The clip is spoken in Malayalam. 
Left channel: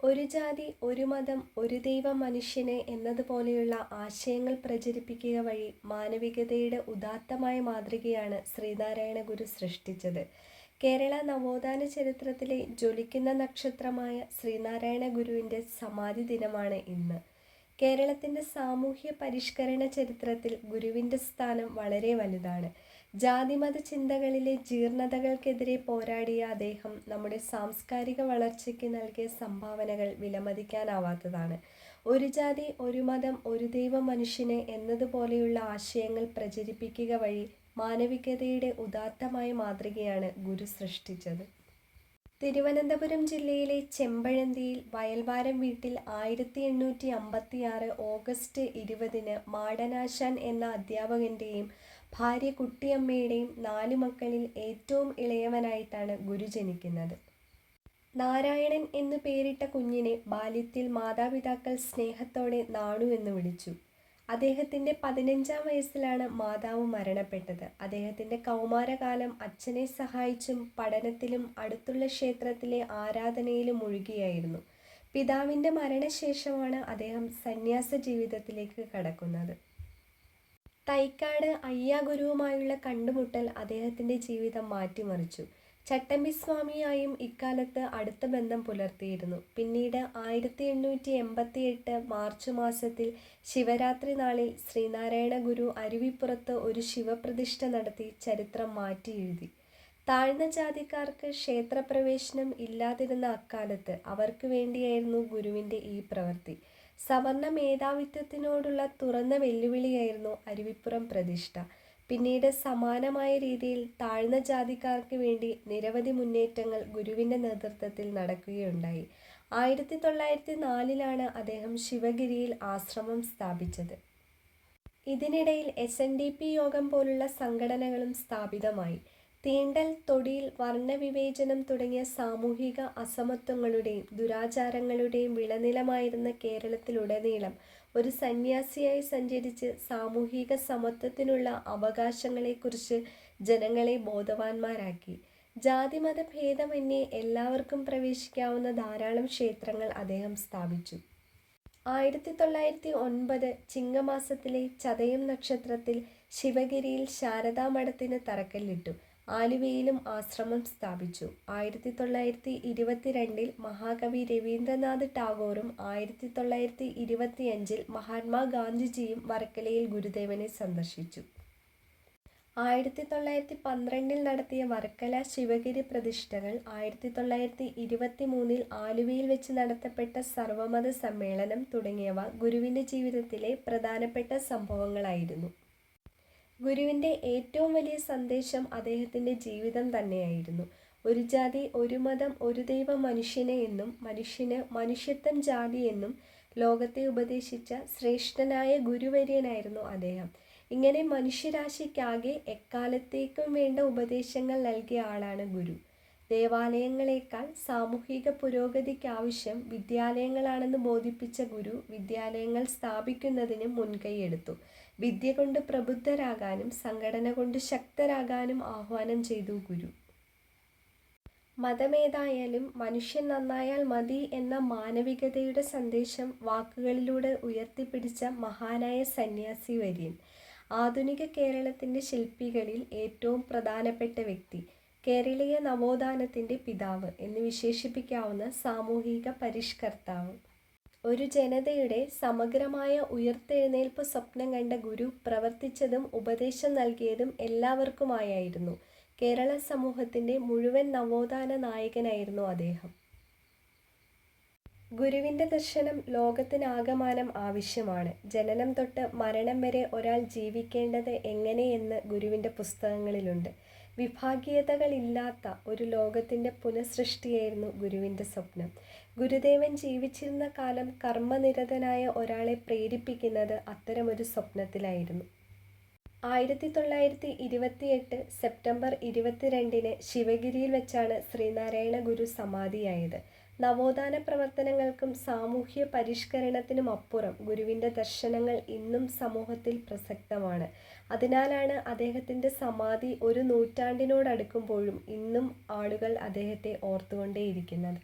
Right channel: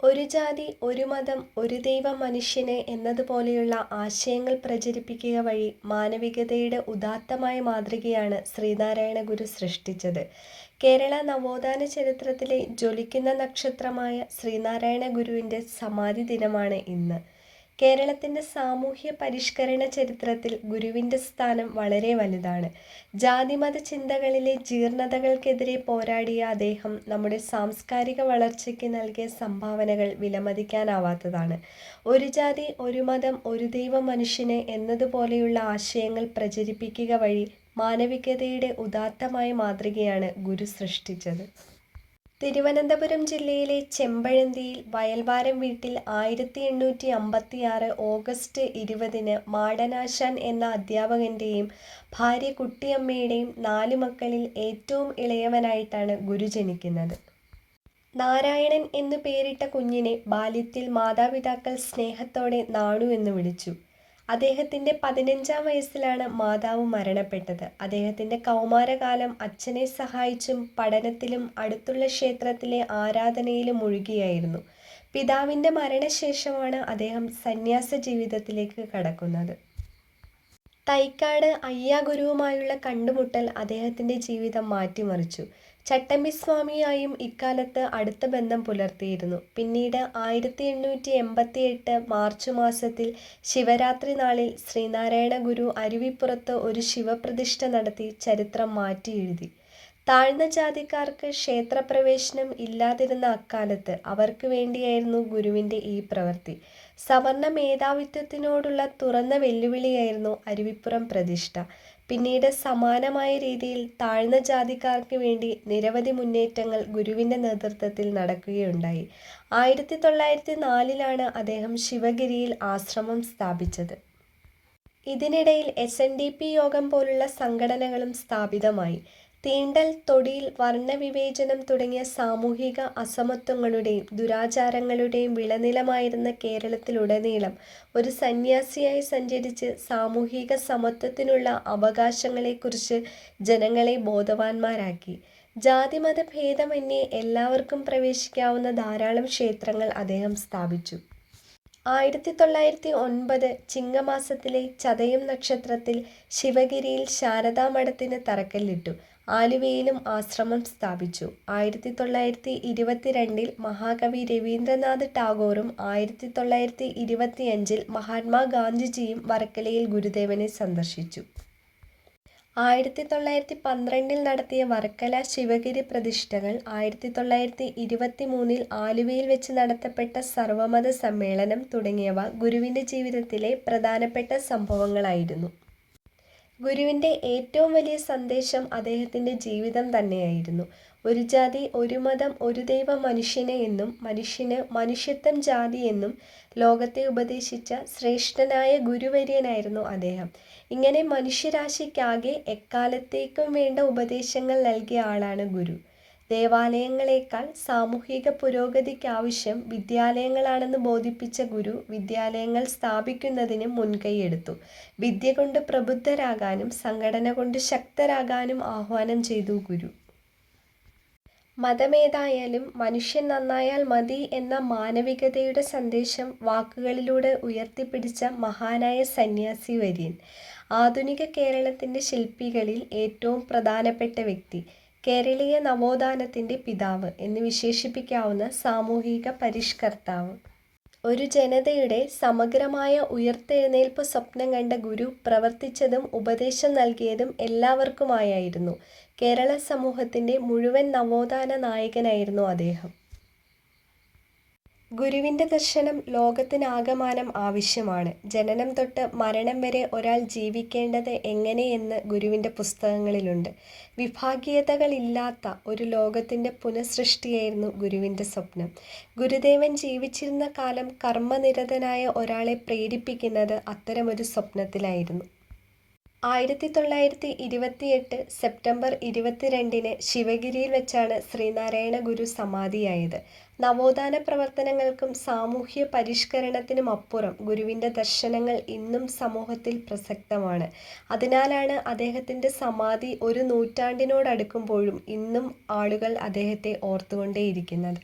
ഒരു ജാതി ഒരു മതം ഒരു ദൈവം മനുഷ്യന് എന്നതുപോലെയുള്ള ആശയങ്ങൾ പ്രചരിപ്പിക്കുക വഴി മാനവികതയുടെ ഉദാത്തമായ മാതൃകയാണ് ശ്രീനാരായണ ഗുരു സൃഷ്ടിച്ചത്. കേരള നവോത്ഥാന ചരിത്രത്തിലെ ജ്വലിക്കുന്ന നക്ഷത്രമായ ശ്രീനാരായണ ഗുരുവിന്റെ സമാധി ദിനമാണ് ഇന്ന്. കേരളത്തിന്റെ സാമൂഹ്യ പരിഷ്കരണ ചരിത്രത്തിൽ ഗുരുവിന്റെ സ്ഥാനം വളരെ വലുതാണ്. ജാതിമത ചിന്തകളിലെ ജീർണതകൾക്കെതിരെ പോരാടിയ അദ്ദേഹം നമ്മുടെ സാംസ്കാരിക വളർച്ചയ്ക്ക് നൽകിയ സംഭാവനകൾ വിലമതിക്കാനാവാത്തതാണ്. ഒരു ജാതി ഒരു മതം ഒരു ദൈവം മനുഷ്യനെ എന്നതുപോലെയുള്ള ആശയങ്ങൾ പ്രചരിപ്പിക്കുക വഴി മാനവികതയുടെ ഉദാത്തമായ മാതൃകയാണ് ഗുരു സൃഷ്ടിച്ചത്. തിരുവനന്തപുരം ജില്ലയിലെ ചെമ്പഴന്തിയിൽ വയൽവാരം വീട്ടിൽ ആയിരത്തി എണ്ണൂറ്റി അമ്പത്തി ആറ് ഓഗസ്റ്റ് ഇരുപതിന് മാടനാശാൻ എന്ന അധ്യാപകന്റെയും ഭാര്യ കുട്ടിയമ്മയുടെയും നാലു മക്കളിൽ ഏറ്റവും ഇളയവനായിട്ടാണ് ഗുരു ജനിക്കുന്നത്. നാരായണൻ എന്നു പേരിട്ട കുഞ്ഞിനെ ബാല്യത്തിൽ മാതാപിതാക്കൾ സ്നേഹത്തോടെ നാണു എന്ന് വിളിച്ചു. അദ്ദേഹത്തിന്റെ പതിനഞ്ചാം വയസ്സിലാണ് മാതാവ് മരണപ്പെട്ടത്. അദ്ദേഹത്തിന്റെ കൗമാരകാലം അച്ഛനെ സഹായിച്ചും പഠനത്തിലും അടുത്തുള്ള ക്ഷേത്രത്തിലെ ആരാധനയിലും മുഴുകിയായിരുന്നു പിതാവിന്റെ മരണശേഷമാണ് അദ്ദേഹം സന്യാസ ജീവിതത്തിലേക്ക് കടക്കുന്നത്. തൈക്കാട് അയ്യാഗുരുവുമായുള്ള കണ്ടുമുട്ടൽ അദ്ദേഹത്തിന്റെ ജീവിതം മാറ്റിമറിച്ചു. ചട്ടമ്പിസ്വാമിയായും ഇക്കാലത്ത് അടുത്ത ബന്ധം പുലർത്തിയിരുന്നു. പിന്നീട് ആയിരത്തി എണ്ണൂറ്റി എൺപത്തി എട്ട് മാർച്ച് മാസത്തിൽ ശിവരാത്രി നാളിൽ ശ്രീനാരായണ ഗുരു അരുവിപ്പുറത്ത് ഒരു ശിവപ്രതിഷ്ഠ നടത്തി ചരിത്രം മാറ്റി എഴുതി താഴ്ന്ന ജാതിക്കാർക്ക് ക്ഷേത്രപ്രവേശനം ഇല്ലാതിരുന്ന അക്കാലത്ത് അവർക്ക് വേണ്ടിയായിരുന്നു ഗുരുവിന്റെ ഈ പ്രവൃത്തി. സവർണ മേധാവിത്വത്തിനോടുള്ള തുറന്ന വെല്ലുവിളിയായിരുന്നു അരുവിപ്പുറം പ്രതിഷ്ഠ. പിന്നീട് സമാനമായ രീതിയിൽ താഴ്ന്ന ജാതിക്കാർക്ക് വേണ്ടി നിരവധി മുന്നേറ്റങ്ങൾ ഗുരുവിന്റെ നേതൃത്വത്തിൽ നടക്കുകയുണ്ടായി. ആയിരത്തി തൊള്ളായിരത്തി നാലിലാണ് അദ്ദേഹം ശിവഗിരിയിൽ ആശ്രമം സ്ഥാപിച്ചത്. ഇതിനിടയിൽ എസ് എൻ ഡി പി യോഗം പോലുള്ള സംഘടനകളും സ്ഥാപിതമായി. തീണ്ടൽ തൊടിയിൽ വർണവിവേചനം തുടങ്ങിയ സാമൂഹിക അസമത്വങ്ങളുടെയും ദുരാചാരങ്ങളുടെയും വിളനിലമായിരുന്ന കേരളത്തിലുടനീളം ഒരു സന്യാസിയായി സഞ്ചരിച്ച് സാമൂഹിക സമത്വത്തിനുള്ള അവകാശങ്ങളെക്കുറിച്ച് ജനങ്ങളെ ബോധവാന്മാരാക്കി. ജാതിമത ഭേദമന്യേ എല്ലാവർക്കും പ്രവേശിക്കാവുന്ന ധാരാളം ക്ഷേത്രങ്ങൾ അദ്ദേഹം സ്ഥാപിച്ചു. ആയിരത്തി തൊള്ളായിരത്തി ഒൻപത് ചിങ്ങമാസത്തിലെ ചതയം നക്ഷത്രത്തിൽ ശിവഗിരിയിൽ ശാരദാമഠത്തിന് തറക്കല്ലിട്ടു. ആലുവയിലും ആശ്രമം സ്ഥാപിച്ചു. ആയിരത്തി തൊള്ളായിരത്തി ഇരുപത്തിരണ്ടിൽ മഹാകവി രവീന്ദ്രനാഥ് ടാഗോറും ആയിരത്തി തൊള്ളായിരത്തി ഇരുപത്തിയഞ്ചിൽ മഹാത്മാഗാന്ധിജിയും വർക്കലയിൽ ഗുരുദേവനെ സന്ദർശിച്ചു. ആയിരത്തി തൊള്ളായിരത്തി പന്ത്രണ്ടിൽ നടത്തിയ വർക്കല ശിവഗിരി പ്രതിഷ്ഠകൾ ആയിരത്തി തൊള്ളായിരത്തി ഇരുപത്തി മൂന്നിൽ ആലുവയിൽ വെച്ച് നടത്തപ്പെട്ട സർവമത സമ്മേളനം തുടങ്ങിയവ ഗുരുവിന്റെ ജീവിതത്തിലെ പ്രധാനപ്പെട്ട സംഭവങ്ങളായിരുന്നു. ഗുരുവിന്റെ ഏറ്റവും വലിയ സന്ദേശം അദ്ദേഹത്തിന്റെ ജീവിതം തന്നെയായിരുന്നു. ഒരു ജാതി ഒരു മതം ഒരു ദൈവം മനുഷ്യനെ എന്നും മനുഷ്യന് മനുഷ്യത്വം ജാതി എന്നും ലോകത്തെ ഉപദേശിച്ച ശ്രേഷ്ഠനായ ഗുരുവര്യനായിരുന്നു അദ്ദേഹം. ഇങ്ങനെ മനുഷ്യരാശിക്കാകെ എക്കാലത്തേക്കും വേണ്ട ഉപദേശങ്ങൾ നൽകിയ ആളാണ് ഗുരു. ദേവാലയങ്ങളെക്കാൾ സാമൂഹിക പുരോഗതിക്കാവശ്യം വിദ്യാലയങ്ങളാണെന്ന് ബോധിപ്പിച്ച ഗുരു വിദ്യാലയങ്ങൾ സ്ഥാപിക്കുന്നതിന് മുൻകൈയെടുത്തു. വിദ്യ കൊണ്ട് പ്രബുദ്ധരാകാനും സംഘടന കൊണ്ട് ശക്തരാകാനും ആഹ്വാനം ചെയ്തു ഗുരു. മതമേതായാലും മനുഷ്യൻ നന്നായാൽ മതി എന്ന മാനവികതയുടെ സന്ദേശം വാക്കുകളിലൂടെ ഉയർത്തിപ്പിടിച്ച മഹാനായ സന്യാസി വര്യൻ. ആധുനിക കേരളത്തിന്റെ ശില്പികളിൽ ഏറ്റവും പ്രധാനപ്പെട്ട വ്യക്തി. കേരളീയ നവോത്ഥാനത്തിന്റെ പിതാവ് എന്ന് വിശേഷിപ്പിക്കാവുന്ന സാമൂഹിക പരിഷ്കർത്താവ്. ഒരു ജനതയുടെ സമഗ്രമായ ഉയർത്തെഴുന്നേൽപ്പ് സ്വപ്നം കണ്ട ഗുരു പ്രവർത്തിച്ചതും ഉപദേശം നൽകിയതും എല്ലാവർക്കുമായായിരുന്നു. കേരള സമൂഹത്തിന്റെ മുഴുവൻ നവോത്ഥാന നായകനായിരുന്നു അദ്ദേഹം. ഗുരുവിന്റെ ദർശനം ലോകത്തിനാകമാനം ആവശ്യമാണ്. ജനനം തൊട്ട് മരണം വരെ ഒരാൾ ജീവിക്കേണ്ടത് എങ്ങനെയെന്ന് ഗുരുവിന്റെ പുസ്തകങ്ങളിലുണ്ട്. വിഭാഗീയതകളില്ലാത്ത ഒരു ലോകത്തിന്റെ പുനഃസൃഷ്ടിയായിരുന്നു ഗുരുവിന്റെ സ്വപ്നം. ഗുരുദേവൻ ജീവിച്ചിരുന്ന കാലം കർമ്മനിരതനായ ഒരാളെ പ്രേരിപ്പിക്കുന്നത് അത്തരമൊരു സ്വപ്നത്തിലായിരുന്നു. ആയിരത്തി തൊള്ളായിരത്തി ഇരുപത്തിയെട്ട് സെപ്റ്റംബർ ഇരുപത്തിരണ്ടിന് ശിവഗിരിയിൽ വെച്ചാണ് ശ്രീനാരായണ ഗുരു സമാധിയായത്. നവോത്ഥാന പ്രവർത്തനങ്ങൾക്കും സാമൂഹ്യ പരിഷ്കരണത്തിനുമപ്പുറം ഗുരുവിന്റെ ദർശനങ്ങൾ ഇന്നും സമൂഹത്തിൽ പ്രസക്തമാണ്. അതിനാലാണ് അദ്ദേഹത്തിന്റെ സമാധി ഒരു നൂറ്റാണ്ടിനോടടുക്കുമ്പോഴും ഇന്നും ആളുകൾ അദ്ദേഹത്തെ ഓർത്തുകൊണ്ടേയിരിക്കുന്നത്.